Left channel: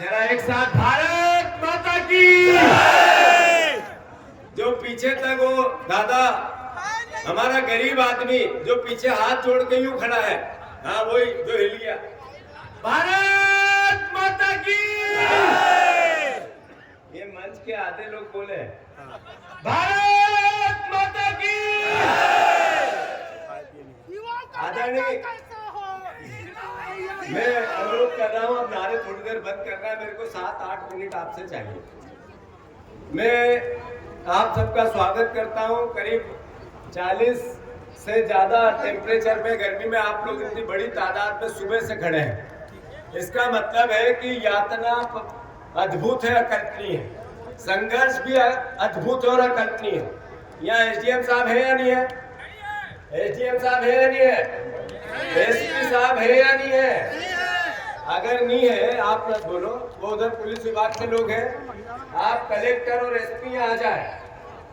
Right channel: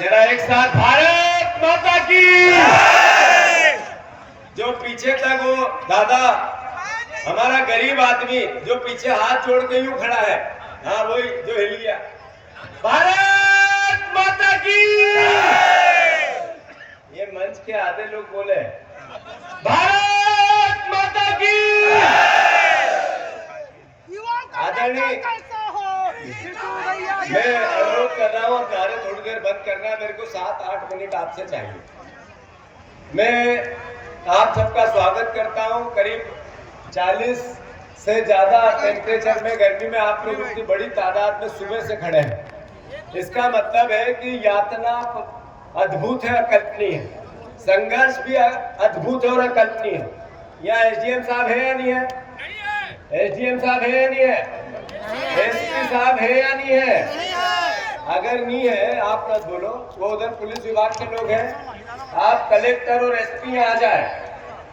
जरा एक साथ भारत माता की। जो पीछे तक वो दादा हमारा गरीब आदमी जो पीछे हाथ जोड़ के यूं खड़ा है, हाँ वही जो हिलिया, भारत माता की। ये मंच के आधे लोग बोले भारत माता की। आदरणीय, मैं अनुरोध कर रहा हूँ कार्य थोड़ी देर बंद करना, मेरे को 7-8 मिनट आपसे चाहिए। मैं आप सबका स्वागत करता हूँ। करीब 40 से ज्यादा टेम्परेचर में गर्मी में आप लोग इतनी बड़ी तादाद में सुबह से खड़े हैं, इसका मतलब है कि यातना अद्भुत है, अकल्पनीय है, संघर्ष भी अद्भुत और अकल्पनीय है। यहाँ एसडीएम साहब है या नहीं है? एसडीएम साहब है या नहीं है? एसपी साहब है या नहीं है? अगर नहीं है आप मत बोलो, वो उधर पुलिस विभाग के लोग हैं। आप कलेक्टर और एसपी आ जाए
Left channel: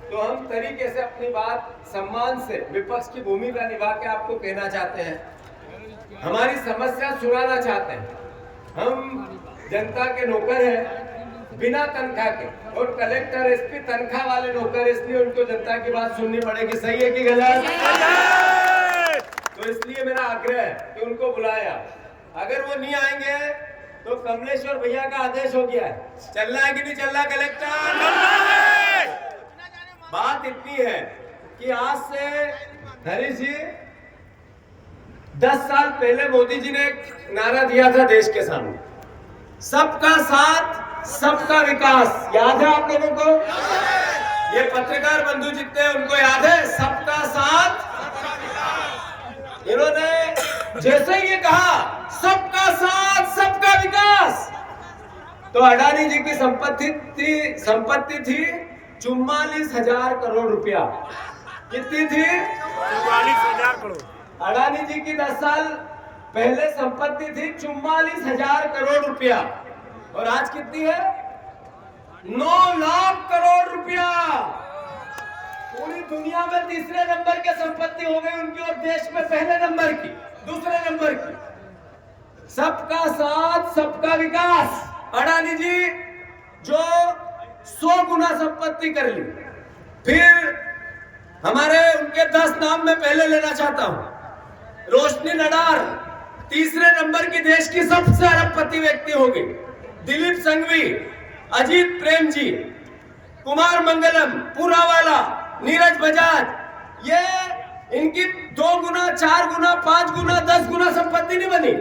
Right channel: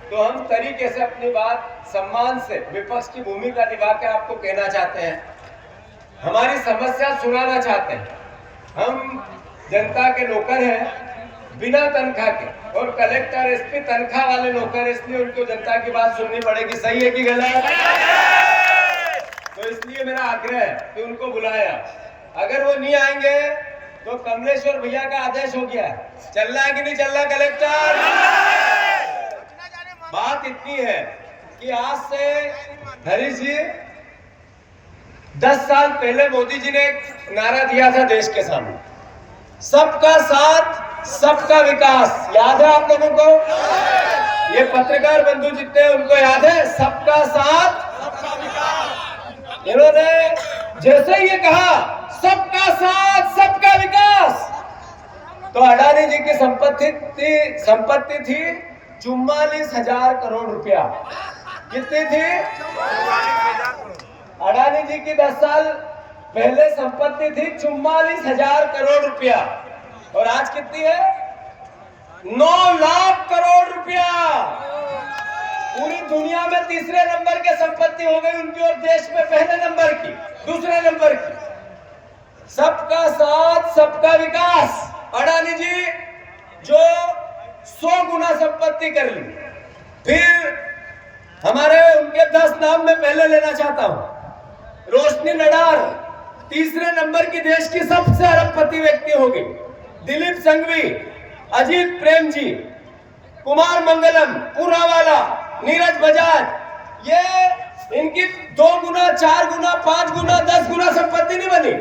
तो हम तरीके से अपनी बात सम्मान से विपक्ष की भूमिका निभा के आपको कहना चाहते हैं, हमारी समस्या सुनाना चाहते हैं। हम जनता के नौकर हैं बिना तनख्वाह के, और कलेक्टर एसपी तनख्वाह वाले नौकर, इसलिए उनको जनता की बात सुननी पड़ेगी। सही है कि गलत? तो इसलिए मेरा आग्रह है कि उनको बुलाया। अगर वो नहीं आएंगे तो कमलेश्वर भैया का आदेश हो गया, चलना है कि नहीं चलना कलेक्टर? बात इतनी है कि आज से हरीश जी 10 साल पहले मोदी जी ने एक नारा दिया था देश के सामने, सबका साथ सबका विकास। याद है आप लोगों को? ये पत्रकार बंधु जितने हैं उनको याद है सबका साथ। इन्होंने जैसे ही ये कहा सबका साथ सबका विकास, तो अडानी जी की संपत्ति थी 44,000 करोड़ रुपया। कितनी थी? 44,000 करोड़। अडानी जी की 10 साल पहले संपत्ति थी 44,000 करोड़ रुपया, और आज कितनी है? 9 लाख करोड़ रुपया। पूरी दुनिया में तीसरे नंबर के संपत्ति हो गई उनकी, और देश में पहले नंबर की, दूसरे नंबर की। सबका साथ सबका विकास। अडानी जी जो 100 गुना संपत्ति कर ली। फिर हमारे उनके 10 नाम में पहले लेना चाहता हूं। रोशनी नडार तीसरे नंबर की देश की सबसे अरबपति व्यक्ति होगी। दिलीप संघवी, अजीत प्रेम जी, कुमार मंगलम, पूरावाला, नीरज बजाज, ये इनकी 2 गुना 4 गुना 5 गुना 10 गुना संपत्ति नहीं बनी,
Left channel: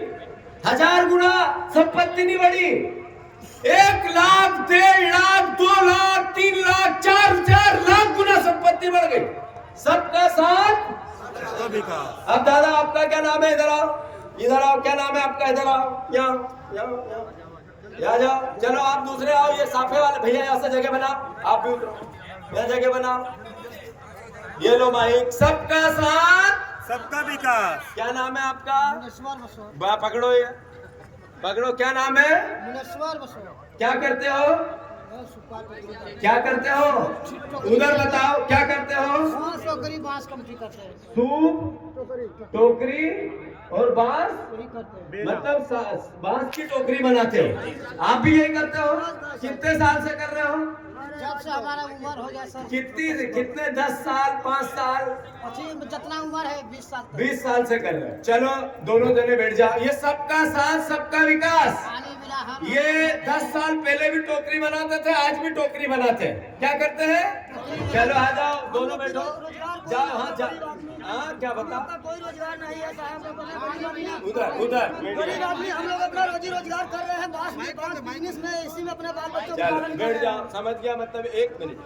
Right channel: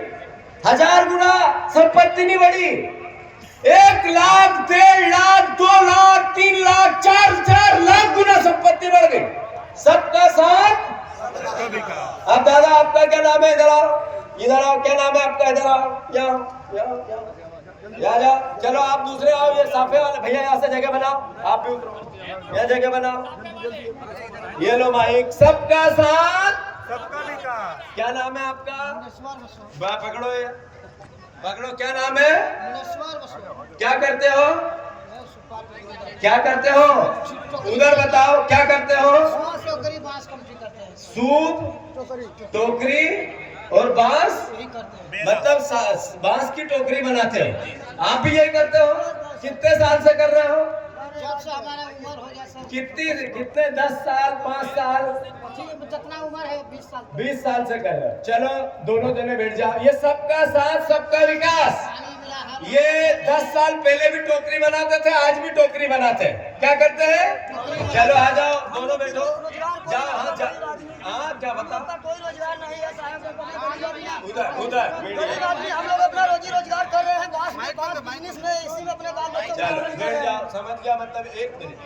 1000 गुना संपत्ति नहीं बढ़ी। 1 लाख 1.5 लाख 2 लाख 3 लाख 4 लाख गुना संपत्ति बढ़ गई। सबका साथ। अब दादा आपका क्या नाम है? इधर आओ, इधर आओ। क्या नाम है आपका? इधर आओ, यहाँ जाओ। चलो आप दूसरे आओ, ये साफे वाले भैया यहाँ से जगह बनाओ, आप भी उतरो, यहाँ जगह बनाओ। ये लो माइक। सबका साथ सबका विकास। क्या नाम है आपका? पकड़ो, ये पकड़ो। क्या नाम है? क्या करते हो? क्या करते हो? उधर बताओ क्या करते हो? सूप, टोकरी और बांस, मतलब बांस की टोकरी बनाते हो। आप भी यही करते हो? कितने साल से कर रहे हो? जब से हमारा उम्र हो गया सर। कितने 10 साल 5 साल? जितना उम्र है 20 साल। 20 साल से कर रहे हैं। चलो दोनों जने बैठ जाओ। ये सबका साथ सबका विकास। ये 10 साल पहले भी टोकरी बनाते थे, आज भी टोकरी बनाते हैं। क्या करते हैं? चलो आ जाओ, दोनों बैठो, जाओ। हाँ क्या बता? कोई रोजगार नहीं है साहब। उधर गरीब आदमी हम लोग अपना रोजी रोजगार कर रहे हैं, बिजनेस में, इसी में अपने बाल बच्चों को पालन कर रहे हैं। समझ गया? मतलब 1 मिनट।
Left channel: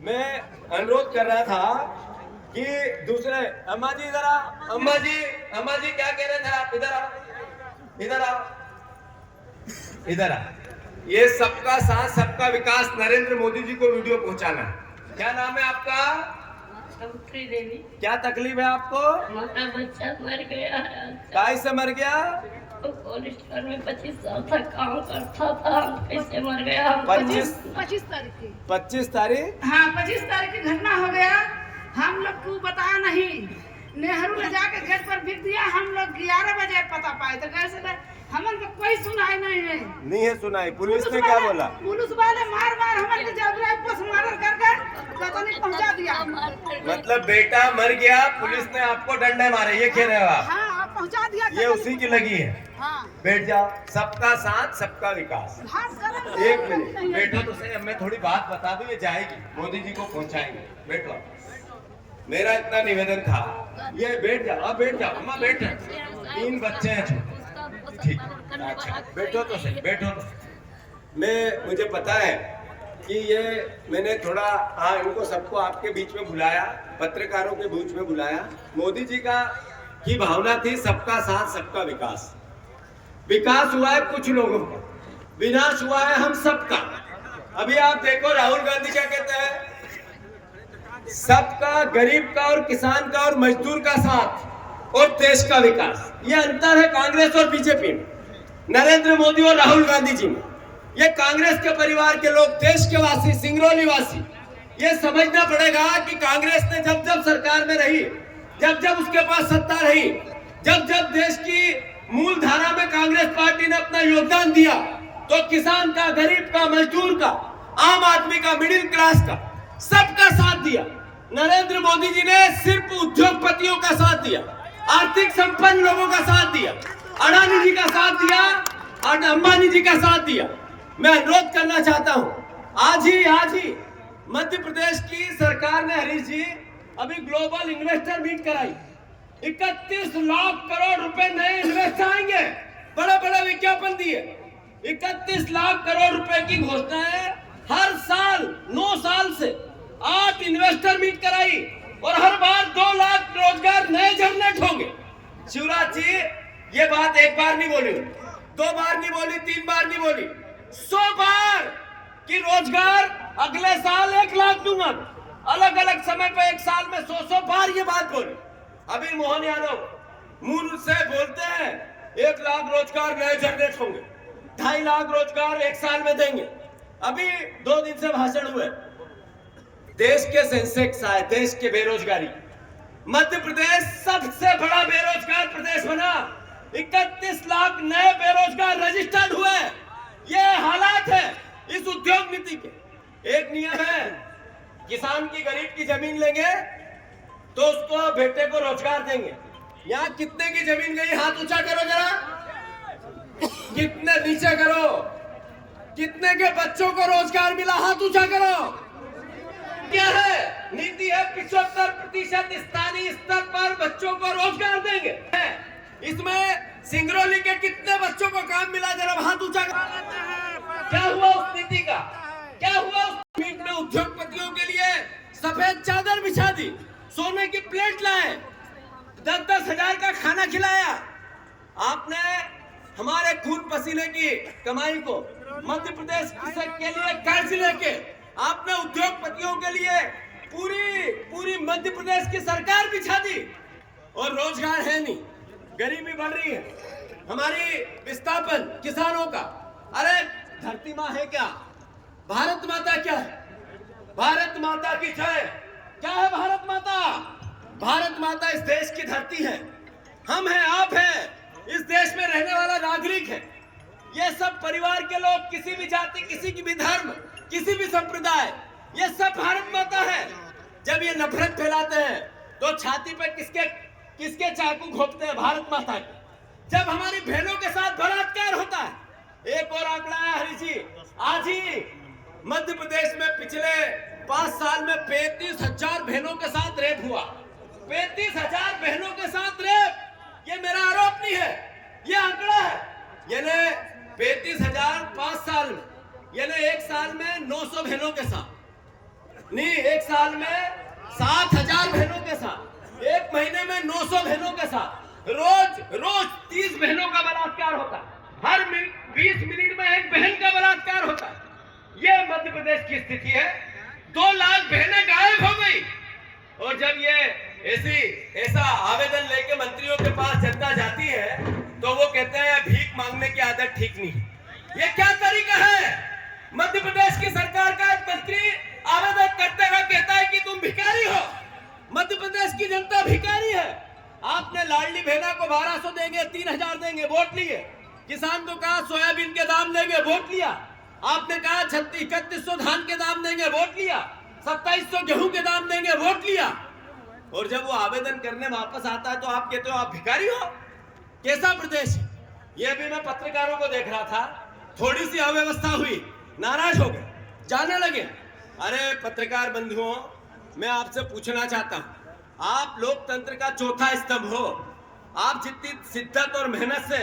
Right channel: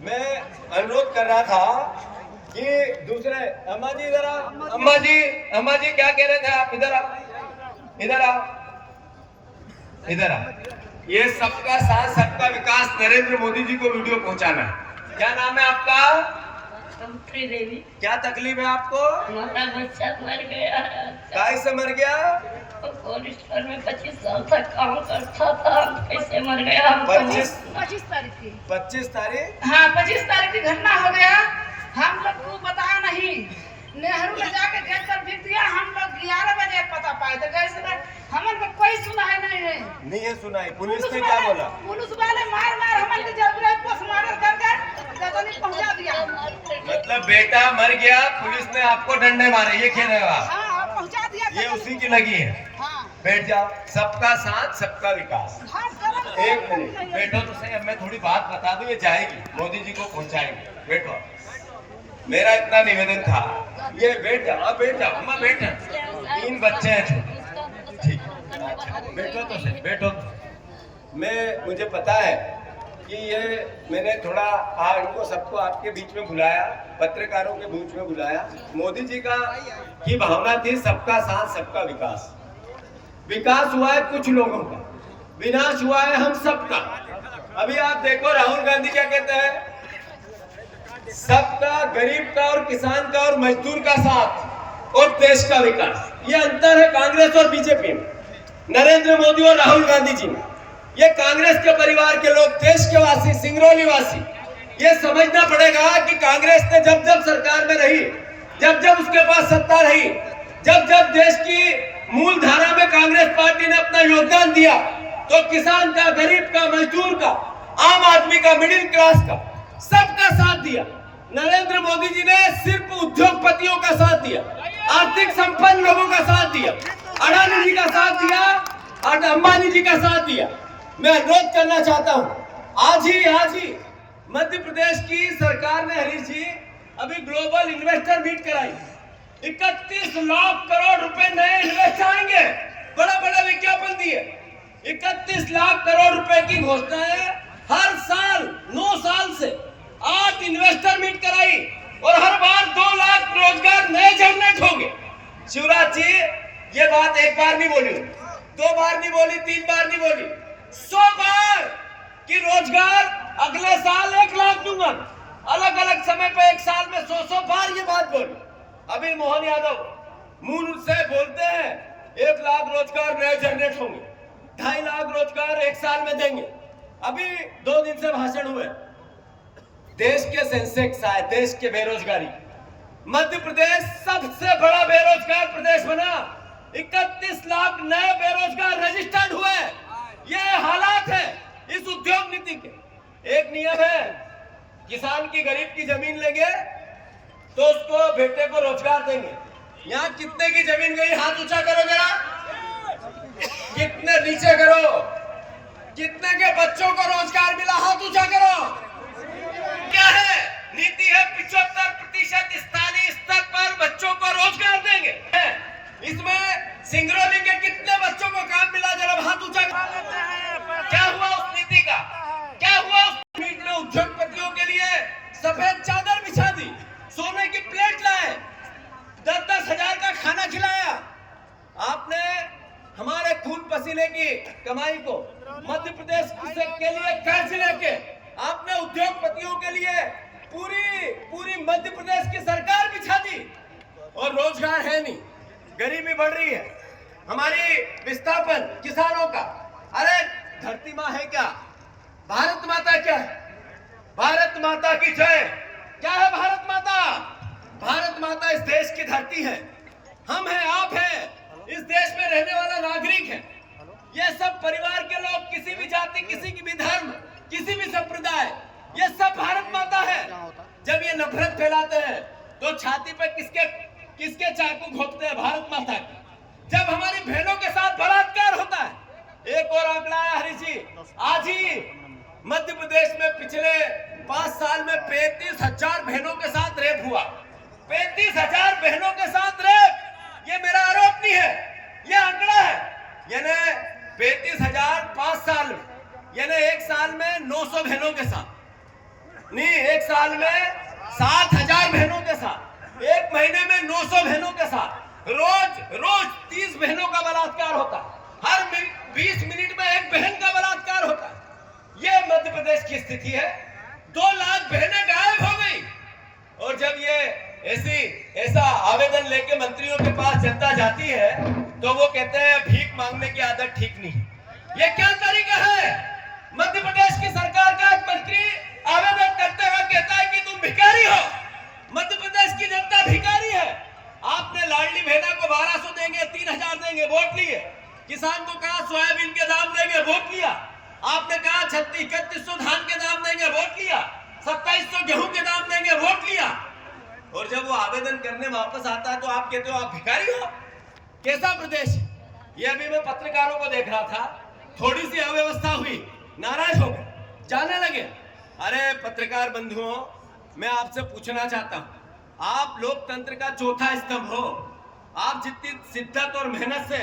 मैं अनुरोध कर रहा था कि दूसरे अम्मा जी इधर आओ। अम्मा जी क्या कह रहे थे आप? इधर आओ, इधर आओ, इधर आओ। ये सबका साथ सबका विकास नरेंद्र मोदी जी को वीडियो पहुंचाना है। क्या नाम है आपका? देवी। क्या तकलीफ है आपको? हमारा बच्चा मर गया। काय से मर गया? कोल्ड स्टोर में 25 साल तक काम करता था, कैसे मर गया? 25 तारीख की। 25 तारीख? हाँ 25 तारीख की घटना हो गया। हम लोग को बताया नहीं, नेहरू ले जाके गेट पर बिक दिया। हम लोग 11 बजे पता पाए तो गए से हमन को कोई सुनाई नहीं है। नहीं है सुनाई। पुलिस ने क्या बोला? पुलिस वाले मार मार हमन के जबरे पोस्टमार्टम करके गतनी पहुंचा दिया। मतलब बेटा मर गया, पुलिस ने आपको डंडे मारे, ये खेल है। हाँ पहुंचा दिया। ये उसी की लगी है। हाँ बैठ जा। सबका साथ सबका विकास। हाँ एक मिनट बैठो तो सही। अब मैं थोड़ी बात बता दूं, ये जाएगी मोदी जी को पहुंचाएंगे। बैठो। मेरा इतना निवेदन था, ये बैठ जाओ। अब बैठ जाओ अम्मा, बैठ जाओ। 3 बच्चे हैं छोटे। ठीक, अच्छा बैठो तो सही, बैठो तो। मुझे पता है कि ये मैंने थोड़ा इनको सबको आपके बीच में बुलाया, पत्रकारों के बीच में बुलाया। मोदी जी की भावना थी सबका साथ सबका विकास। विकास हुआ है कुछ लोगों का, विनाश हुआ है हम सबका। अभी आप देखो राहुल गांधी क्या कहते हैं, सबका, गरीब का और किसान का और मजदूर का साथ और देश का विकास। ये अंतर है कांग्रेस और बीजेपी में, नरेंद्र मोदी और राहुल गांधी जी में। ये कांग्रेस के परिवार के लोग, देश के वासी, सिंगरौली वासी, ये समझना पड़ेगा कि कांग्रेस ने जब जब सरकार में रही, जब जब उसके पास सत्ता रही, जब जब देश की मूल धारा में कांग्रेस पार्टी ने अपना योगदान दिया, तो किसान का, गरीब का, मजदूर का, आम आदमी का, मिडिल क्लास का, सबका साथ दिया। नरेंद्र मोदी जी ने सिर्फ उद्योगपतियों का साथ दिया, आर्थिक संपन्न लोगों का साथ दिया, अडानी जी का साथ दिया, अंबानी जी का साथ दिया। मैं अनुरोध करना चाहता हूं, आज ही मध्य प्रदेश की सरकार ने, हरीश जी, अभी ग्लोबल इन्वेस्टर मीट कराई। 31 लाख करोड़ रुपए नए इन्वेस्ट आएंगे, बड़े बड़े विज्ञापन दिए। 31 लाख करोड़ रुपए की घोषणाएं हर साल 9 साल से 8 इन्वेस्टर मीट कराई और हर बार 2 लाख रोजगार नए जनरेट होंगे। शिवराज जी, ये बात एक बार नहीं बोली, 2 बार नहीं बोली, 3 बार नहीं बोली, 100 बार कि रोजगार अगले साल 1 लाख दूंगा। अलग अलग समय पर एक साल में 100 बार ये बात बोली। अभी मोहन यादव मुंह से बोलते हैं 1 लाख रोजगार नए जनरेट होंगे, 2.5 लाख रोजगार 1 साल में देंगे। अभी 2 दिन से भाषण हुए, देश के सेंसेक्स आए, देश के बेरोजगारी, मध्य प्रदेश सबसे बड़ा बेरोजगार प्रदेश बना। 31 लाख नए बेरोजगार रजिस्टर्ड हुए। ये हालात है इस उद्योग नीति के। एक नियम है, किसान की, गरीब की जमीन लेंगे तो उसको, बेटे को रोजगार देंगे। यहाँ कितने की जमीन गई, हाथ ऊंचा करो जरा, कितने, नीचे करो, कितने के बच्चों को रोजगार मिला, हाथ ऊंचा करो। क्या है नीति? है 75% स्थानीय स्तर पर बच्चों को रोजगार देंगे। इसमें सिंगरौली के कितने बच्चों को काम मिला, जरा हाथ ऊंचा करो। क्या हुआ उस नीति का? क्या हुआ उस मीट में? उद्योगपतियों के लिए सफेद चादर बिछा दी, सोने की प्लेट लाए, 10-10 हजार का खाना खिलाया। आपने हमारे खून पसीने की कमाई को मध्य प्रदेश के लिए कर्ज लेके आपने उद्योगपतियों के लिए पूरी मध्य प्रदेश की सरकार बिछा दी और रोजगार है नहीं, गरीबी बढ़ रही है। हमारी विस्थापन किसानों का, अरे धरती माँ है क्या? भारत माता क्या है? भारत माता की जय। क्या है भारत माता? भारत माता इस देश की धरती है, हम हैं, आप हैं, इस देश में रहने वाला नागरिक है। ये सब परिवार के लोग, किसी भी जाति, किसी की भी धर्म, किसी भी संप्रदाय, ये सब भारत माता है। जब ये नफरत फैलाते हैं तो छाती पे किसके चाकू घोंपते हैं? भारत माता के। जब हमारी बहनों के साथ बलात्कार होता है, एक और आंकड़ा है हरीश जी, आज ही मध्य प्रदेश में पिछले 5 साल में 35,000 बहनों के साथ रेप हुआ। 35,000 बहनों के साथ रेप, ये मेरा आरोप नहीं है, ये आंकड़ा है। यानी 35,000 5 साल में, यानी एक साल में 900 बहनों के साथ नहीं, एक साल में 7,000 बहनों के साथ, एक महीने में 900 बहनों के साथ, रोज 30 बहनों का बलात्कार होता है। हर 20 मिनट में एक बहन का बलात्कार होता है। ये मध्य प्रदेश की स्थिति है। 2 लाख बहनें गायब हो गई। और जब ये ऐसा आवेदन लेके मंत्रियों के पास जनता जाती है तो वो कहते हैं भीख मांगने की आदत ठीक नहीं। ये क्या तरीका है? मध्य प्रदेश की सरकार का एक मंत्री आवेदन करते हुए कहता है कि तुम भिखारी हो, मध्य प्रदेश की जनता भिखारी है। आपने लाडली बहना को 1200 देंगे, 3000 देंगे, वोट लिए। किसान को कहा सोयाबीन के दाम देंगे, वोट लिया। आपने कहा 3100 धान के दाम देंगे, वोट लिया। 2700 गेहूं के दाम देंगे, वोट लिया। और जब वो आवेदन करने वापस आता है तो आप कहते हो आप भिखारी हो। कैसा प्रदेश? ये अभी मैं पत्रकारों को देख रहा था, थोड़ी सी अव्यवस्था हुई, नाराज हो गए, जाने लगे। अरे पत्रकार बंधुओं, मैं आपसे पूछना चाहता हूं, आप लोकतंत्र का चौथा स्तंभ हो। आप जितनी शिद्दत और मेहनत से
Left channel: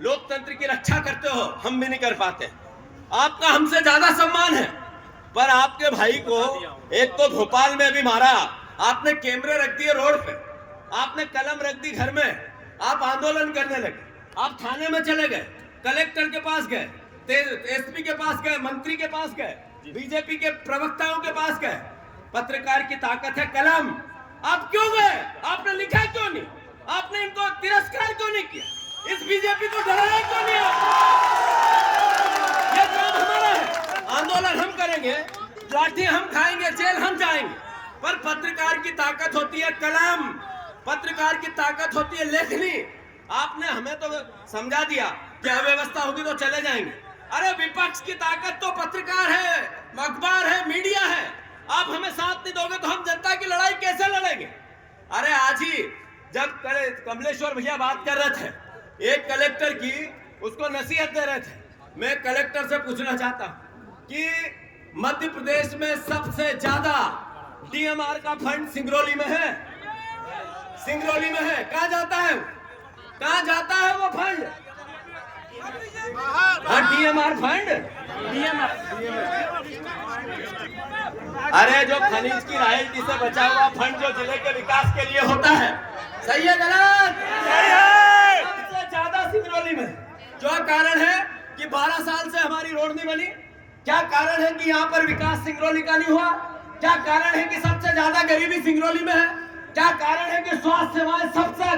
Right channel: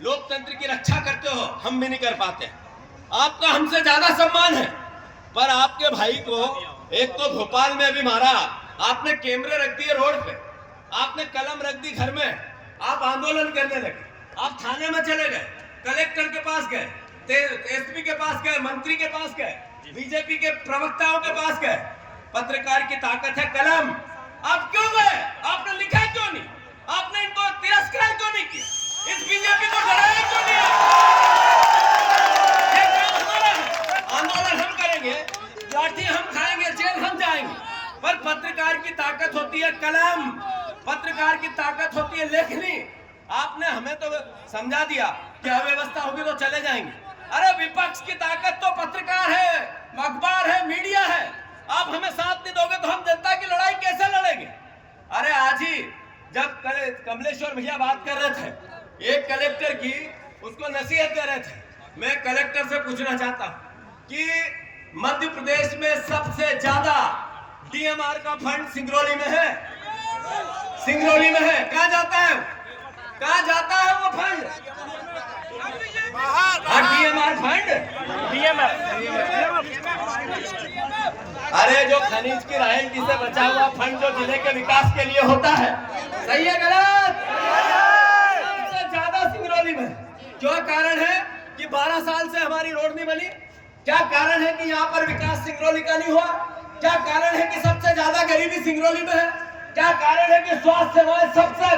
लोकतंत्र की रक्षा करते हो, हम भी नहीं कर पाते। आपका हमसे ज्यादा सम्मान है, पर आपके भाई को एक तो भोपाल में अभी मारा, आपने कैमरे रख दिए रोड पे, आपने कलम रख दी घर में, आप आंदोलन करने लगे, आप थाने में चले गए, कलेक्टर के पास गए, एसपी के पास गए, मंत्री के पास गए, बीजेपी के प्रवक्ताओं के पास गए। पत्रकार की ताकत है कलम। आप क्यों गए? आपने लिखा क्यों नहीं? आपने इनको तिरस्कार क्यों नहीं किया? इस बीजेपी को डराया क्यों नहीं? ये काम हमारा है, आंदोलन हम करेंगे, लाठी हम खाएंगे, जेल हम जाएंगे, पर पत्रकार की ताकत होती है कलम, पत्रकार की ताकत होती है लेखनी। आपने हमें तो समझा दिया कि अव्यवस्था होगी तो चले जाएंगे। अरे विपक्ष की ताकत तो पत्रकार है, अखबार है, मीडिया है। आप हमें साथ नहीं दोगे तो हम जनता की लड़ाई कैसे लड़ेंगे? अरे आज ही जब कमलेश्वर भैया बात कर रहे थे एक कलेक्टर की, उसको नसीहत दे रहे थे, मैं कलेक्टर से पूछना चाहता हूं कि मध्य प्रदेश में सबसे ज्यादा डीएमआर का फंड सिंगरौली में है, सिंगरौली में है। कहाँ जाता है? कहाँ जाता है वो फंड? डीएमआर फंड, अरे जो खनिज की रॉयल्टी से बचा हुआ फंड जो जिले के विकास के लिए होता है, सही है गलत? सबसे ज्यादा सिंगरौली में। जो कारण है कि 12 साल से हमारी रोड नहीं बनी। क्या कारण है कि यहाँ पर विकास सिंगरौली का नहीं हुआ? क्या कारण है कि सबसे ज्यादा गरीबी सिंगरौली में है? क्या कारण है कि स्वास्थ्य सेवाएं सबसे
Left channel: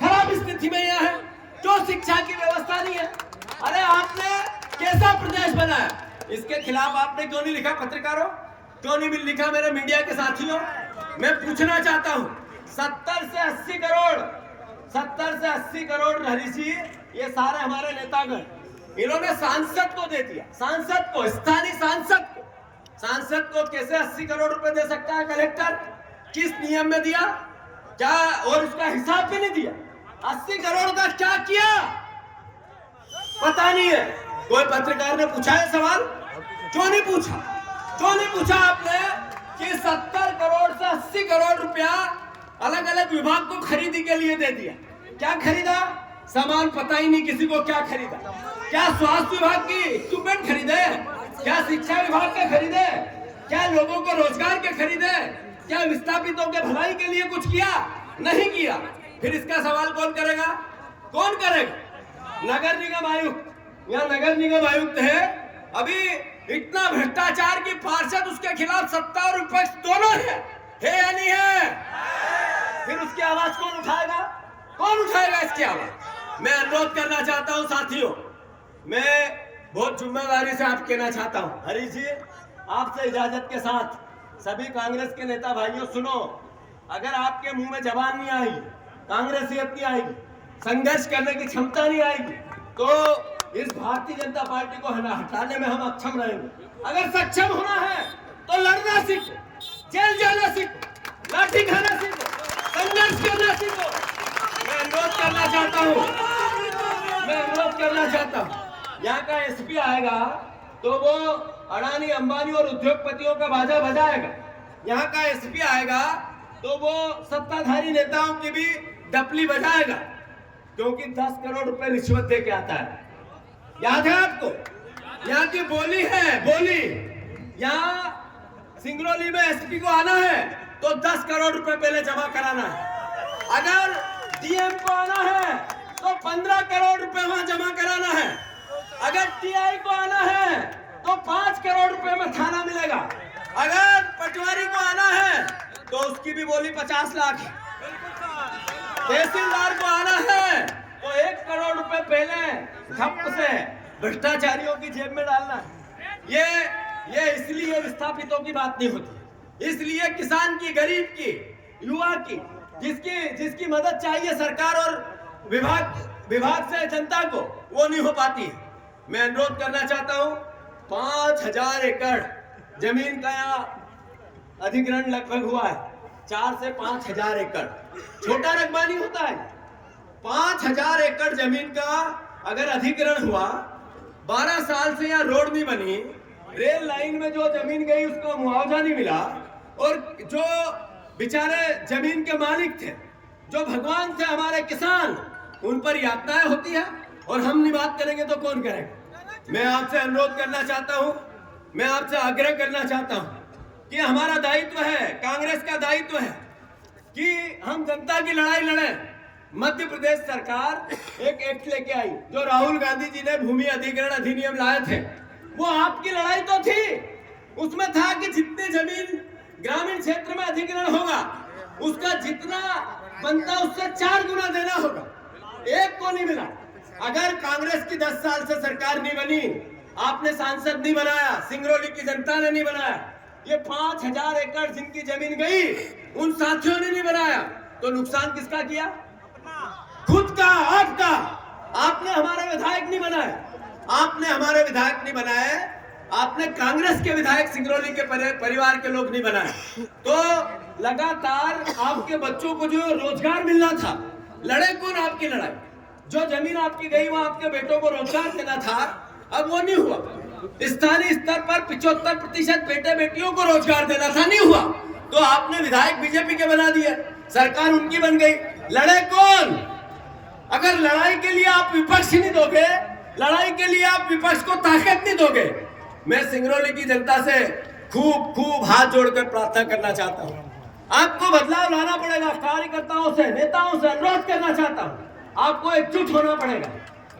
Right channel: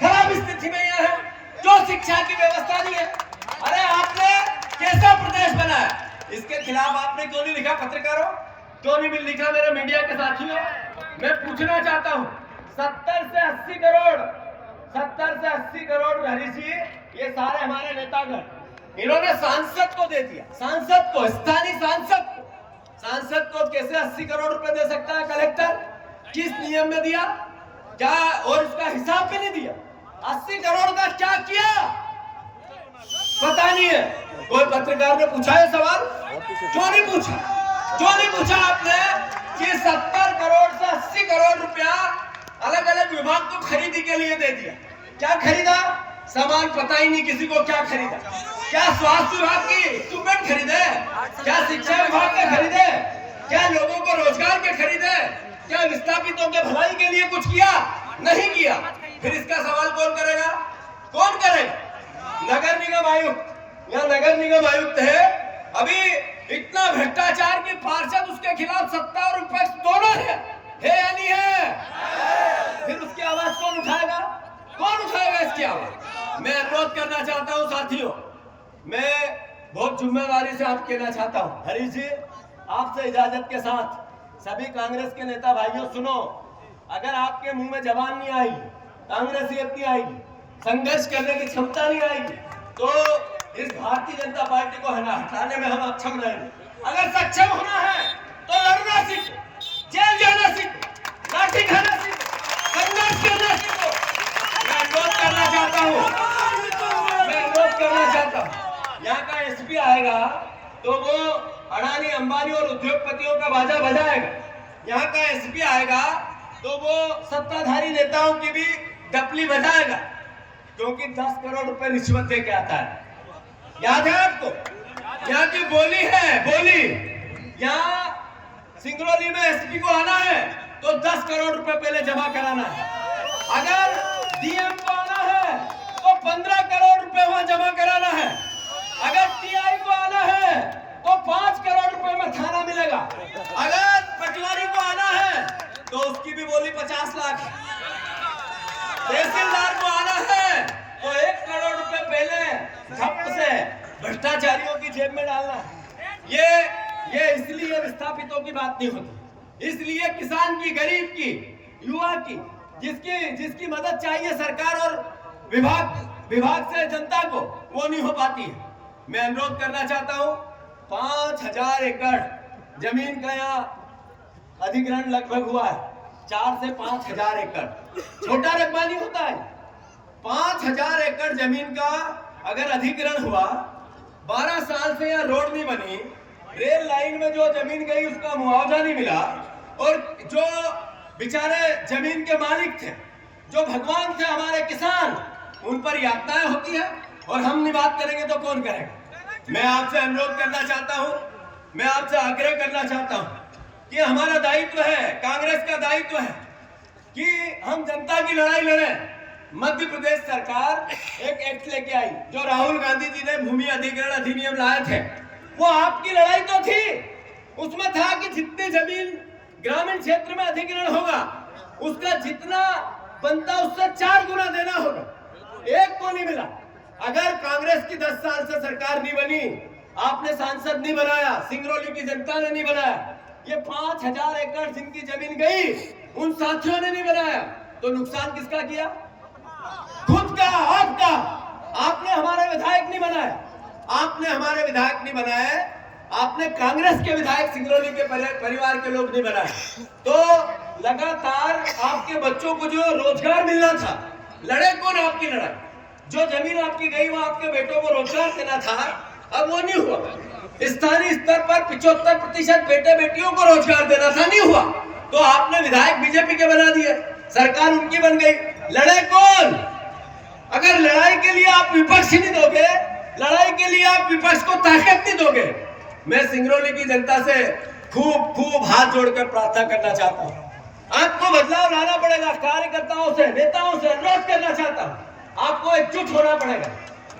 खराब स्थिति में यहाँ है? जो शिक्षा की व्यवस्था नहीं है। अरे आपने कैसा प्रदेश बनाया? इसके खिलाफ आपने क्यों नहीं लिखा पत्रकारों? क्यों नहीं लिखा मेरे मीडिया के साथियों? मैं पूछना चाहता हूँ, 70 से 80 करोड़ ऋषि, ये सारे हमारे नेतागण, इन्होंने सांसद को दे दिया, सांसद को, स्थानीय सांसद को कैसे 80 करोड़ रुपए दे सकता है कलेक्टर? किस नियम में दिया? क्या? और उसका हिसाब भी नहीं दिया। 80 करोड़ का क्या किया पता नहीं है। कोई पत्रकार ने पूछा है सवाल? क्यों नहीं पूछा? क्यों नहीं पूछा आपने कि 70 करोड़ से 80 करोड़ रुपया अलग अलग विभाग को खरीदी के लिए दे दिया? क्या खरीदा? सामान पता ही नहीं किसी को क्या खरीदा। क्या स्वास्थ्य विभाग की इक्विपमेंट खरीदे? क्या शिक्षा विभाग के खरीदे? क्या लोगों को रोजगार के खरीदे? क्या विस्थापितों के भलाई के लिए कुछ किया? नहीं किया। फिर इसका सवाल कौन करेगा? कौन करेगा? नगर निगम आयुक्त, यहाँ नगर निगम आयुक्त है, अभी इतना भ्रष्टाचार के पार्षद, उसके खिलाफ सत्ता और विपक्ष दोनों है या नहीं है? फिर उसकी आवाज कौन उठाएगा? कौन उठाएगा इसकी आवाज? मैं अनुरोध करना चाहता हूं साथियों, मैं बहुत जिम्मेदारी से आप कहना चाहता हूं, हरीश जी आपसे इजाजत के साथ, सभी कांग्रेस के नेता भाइयों सुनो, अगर आपके मुंह में जबान नहीं आई, कांग्रेसियत नहीं आएगी, संघर्ष करने की क्षमता नहीं आएगी, तो इस भारतीय जनता पार्टी को हटाने में हम अक्षम रहेंगे। अगर सक्षम होना है तो लड़ना सीखो, जेल जाना सीखो, लाठी खाना सीखो, संघर्ष करना सीखो। मैं अनुरोध करना चाहता हूँ, यहाँ का एसपी आएगा तो वो अडानी अंबानी और उद्योगपतियों का बाजा बजाएगा। यहाँ का एसपी आएगा तो वो सत्ताधारी नेताओं की भी डपली बजाएगा, क्योंकि 10 करोड़ रुपए रिश्वत दे के आता है। याद है आपको? यहाँ की बोली है, बोली। यहाँ सिंगरौली में एसपी को आना है तो 10 करोड़ रुपए पहले जमा कराना है। अगर डीएम को आना है तो 15 करोड़ रुपए वहां जमा कराना है। अगर टीआई को आना है तो 5 करोड़ रुपए में थाना मिलेगा। अगर पटवारी को आना है तो उसकी भी बोली 50 लाख है। तहसीलदार को आना है तो 1 करोड़ रुपए पहले ठप से भ्रष्टाचारियों की जेब में डालना है। ये इसलिए विस्थापितों की बात नहीं होती, इसलिए किसान की, गरीब की, युवा की, जिसकी मदद चाहिए सरकार और विभाग से जनता को, वो नहीं हो पाती है। मैं अनुरोध करना चाहता हूं, 5000 एकड़ जमीन का यहाँ अधिग्रहण लगभग हुआ है, 4 से 5000 एकड़, छोटा रकबा नहीं होता है। 5000 एकड़ जमीन का अगर अधिग्रहण हुआ, 12 साल से यहाँ रोड नहीं बनी, रेल लाइन में जो जमीन गई उसका मुआवजा नहीं मिला, और जो बेचारे जमीन के मालिक थे, जो भगवान थे हमारे किसान, उन पर यातनाएं होती है, और हम नहीं बात करेंगे तो कौन करेगा। मैं आपसे अनुरोध करना चाहता हूं, मैं आपसे आग्रह करना चाहता हूं कि हमारा दायित्व है, कांग्रेस का दायित्व है कि हम जनता की लड़ाई लड़ें। मध्य प्रदेश सरकार एक एक्ट लेके आई, जो राहुल गांधी जी ने भूमि अधिग्रहण अधिनियम लाए थे, वो आपकी लड़ाई तो थी। उसमें था कि जितनी जमीन ग्रामीण क्षेत्र में अधिग्रहण होगा, उसका जितना बनता उससे 4 गुना देना होगा। एक को नहीं मिला। अगर कांग्रेस की 10 साल से सरकार नहीं बनी, आपने सांसद नहीं बनाया, सिंगरौली की जनता ने नहीं बनाया, ये 5000 एकड़ जिनकी जमीन गई, उन साथियों ने नहीं बनाया, तो नुकसान किसका किया? खुद का, आपका। आपने हमारे विधायक नहीं बनाए, आपने हमारे विधायक नहीं बनाए, आपने कांग्रेस के विधायक सिंगरौली के परिवार के लोग नहीं बनाए। तो लगातार आपके बच्चों को जो रोजगार मिलना था, लड़े कौन आपकी लड़ाई? जो जमीन आपकी गई वो आपके बेटों को रोजगार देना था, अब वो नहीं हुआ। स्थानीय स्तर पर 75% बेटे बेटियों को रोजगार देना था, नहीं हुआ, तो आपने विधायक बीजेपी के बना दिए, सरकार उनकी बन गई। लड़े कौन? अगर लड़ाई के लिए आप विपक्ष नहीं दोगे, लड़ाई के लिए आप विपक्ष को ताकत नहीं दोगे, मैं सिंगरौली की जनता से खूब हाथ जोड़कर प्रार्थना करना चाहता हूं। आपको बदलाव लाना पड़ेगा, कार्यकर्ताओं से, नेताओं से अनुरोध करना चाहता हूं, आपको एकजुट होना पड़ेगा।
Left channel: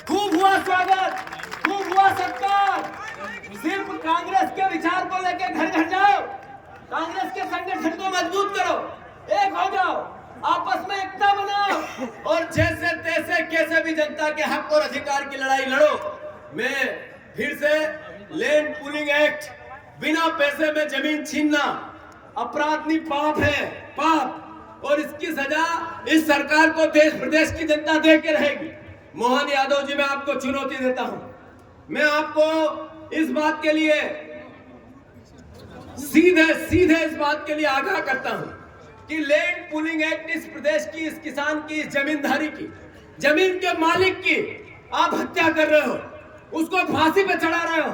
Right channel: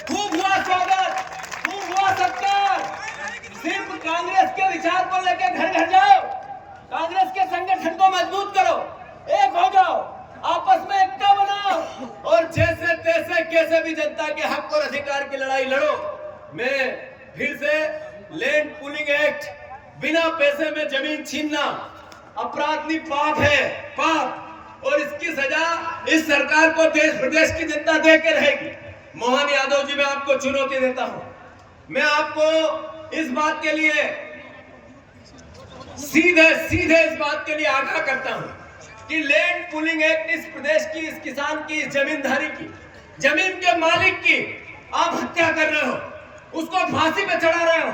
खूब हुआ स्वागत, खूब हुआ सत्कार। सिर्फ कांग्रेस के विचार को लेकर घर घर जाओ, कांग्रेस के संगठन को मजबूत करो, एक हो जाओ, आपस में एकता बनाओ, और जैसे तैसे कैसे भी जनता के हक और अधिकार की लड़ाई लड़ो। मैं फिर से लैंड पूलिंग एक्ट, बिना पैसे में जमीन छीनना अपराध नहीं, पाप है, पाप, और इसकी सजा इस सरकार को देश प्रदेश की जनता दे के रहेगी। मोहन यादव जी, मैं आपको चुनौती देता हूं, मैं आपको इस बात के लिए सीधे इस बात के लिए आगाह करता हूं कि लैंड पूलिंग एक्ट इस प्रदेश की, इस किसान की, इस जमींदारी की, जमीन के मालिक की आप हत्या कर रहे हो, उसको फांसी पे चढ़ा रहे हो।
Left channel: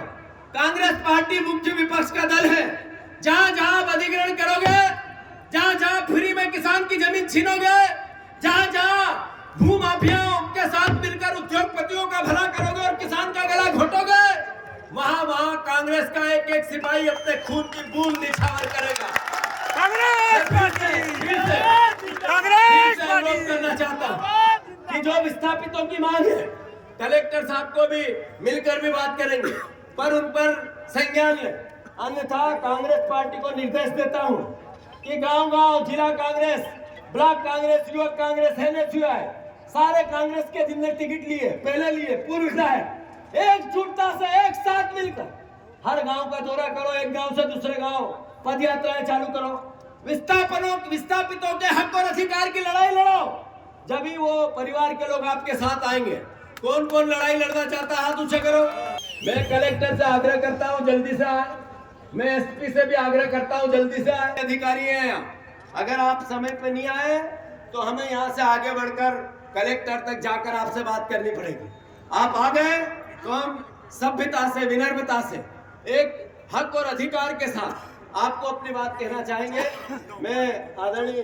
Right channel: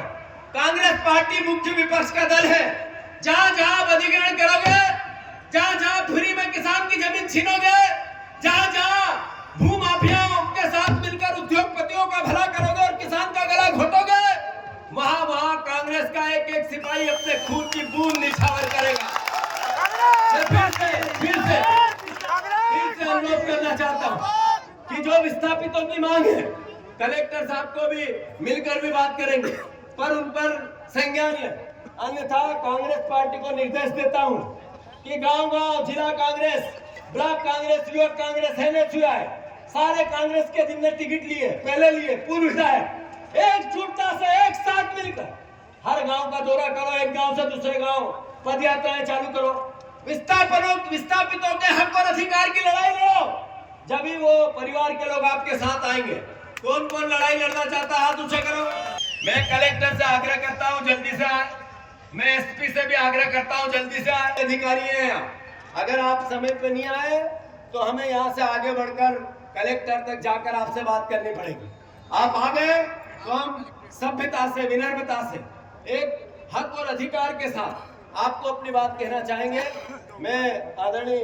कांग्रेस पार्टी मुख्य विपक्ष का दल है। जहां जहां आप अधिग्रहण करोगे, जहां जहां फ्री में किसान की जमीन छीनोगे, जहां जहां भू माफियाओं के साथ मिलकर उद्योगपतियों का भला करोगे और किसान का गला घोटोगे, वहां कांग्रेस का एक एक सिपाही अपने खून की बूंद निछावर करेगा। फिर से अनुरोध करना चाहता हूं कि जो विस्थापितों की मांग है, कलेक्टर साहब को भी मिलकर भी बात करेंगे, पर उन पर संज्ञान लें, अन्यथा कांग्रेस पार्टी को निर्देश देता हूं कि गांव-गांव जिला कांग्रेस, ब्लॉक कांग्रेस, युवक कांग्रेस, एनएसयूआई, सारे कांग्रेस के जिनने टिकट लिए, पहले लिए, पूर्व विधायक, एकजुटता से एक साथ मिलकर हर गांव का दौरा करो, एक गांव से दूसरे गांव पद यात्राएं चालू करो, विस्थापितों के हक और अधिकार की लड़ाई लड़ो, जब वो परिवार के लोग आपके साथ आएंगे। कौन कौन लड़ाई लड़ना चाहता है, हाथ ऊंचे करो। मैं कलेक्टर से आग्रह करता हूं जल्दी से आए, मैं एसपी से भी आग्रह करता हूं जल्दी से आए। अधिकारी हैं यहाँ, अगर आप समय पे नहीं आए तो हमें यहाँ से आगे बढ़कर कलेक्टर तक जाकर आपसे बात करनी पड़ेगी। आप आ गए तो हम सभ्यता से, विनम्रता से, एक हक और अधिकार के साथ आपको अपनी बात कहना चाहेंगे। मैं आदरणीय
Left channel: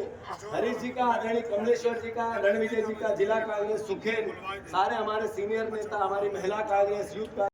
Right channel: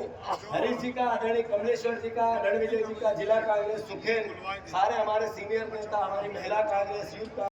हरीश जी का, आदरणीय कमलेश्वर जी का, रणविजय जी का, जिला कांग्रेस सुखेन, सारे हमारे सीनियर नेता, हमारी महिला कांग्रेस, यूथ कांग्रेस,